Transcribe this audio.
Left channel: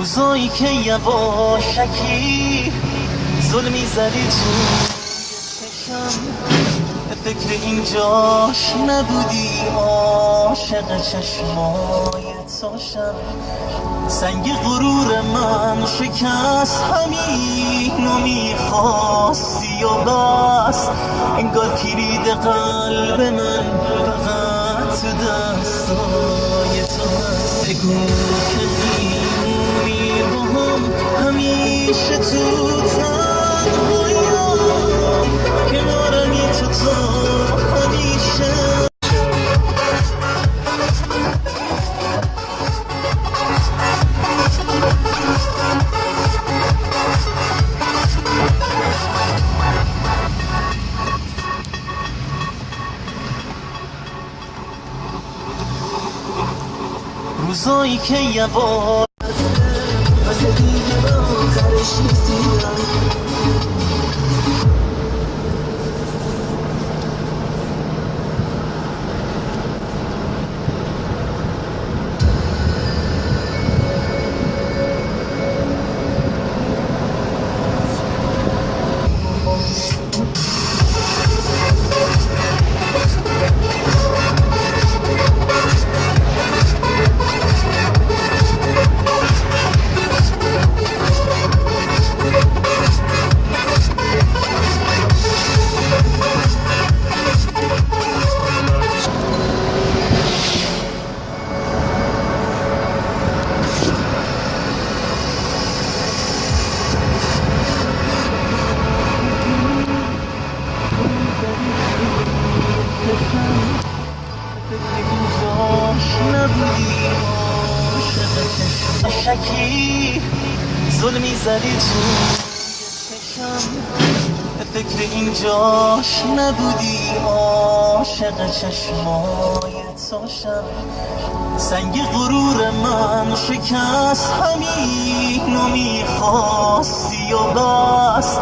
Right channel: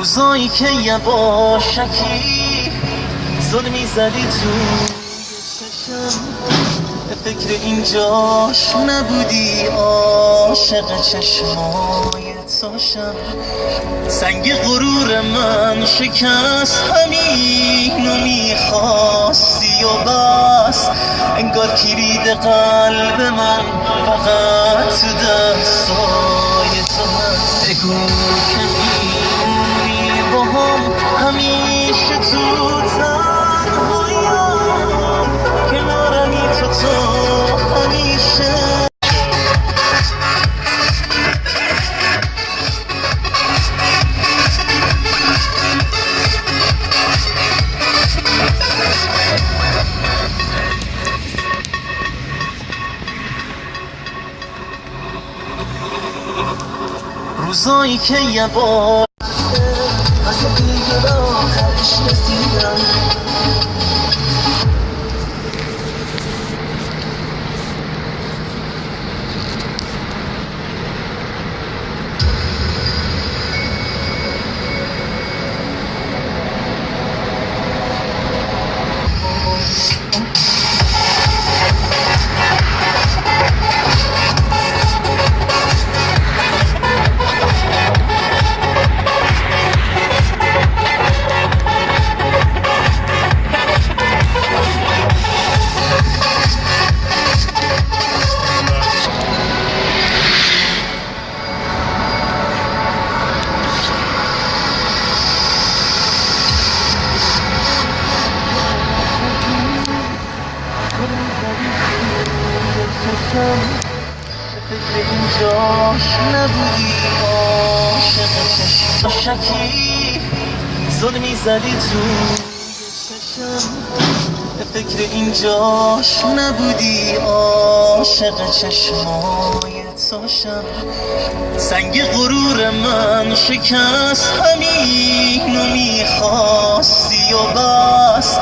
روزایی که یواشکی ظلمی زدی تو چشم، به فکر اینجاش نبودی، عاشق چشمای توشم. سنگ غرور من شکست، همینو میخواستی و بس. انگار کلید قلب من فقط تو دستای تو هست. بگو که میمونی با هم همیشه تو تنهاییم، کنارمی تو همیشه. روزایی که یواش از دیگه به آخرش رسیدم. اینجاش نبودی، عاشق چشماشکی ظلمی زدی تو چشم. به فکر اینجاش نبودی، عاشق چشمای توشم. سنگ غرور من شکست، همینو میخواستی و بس.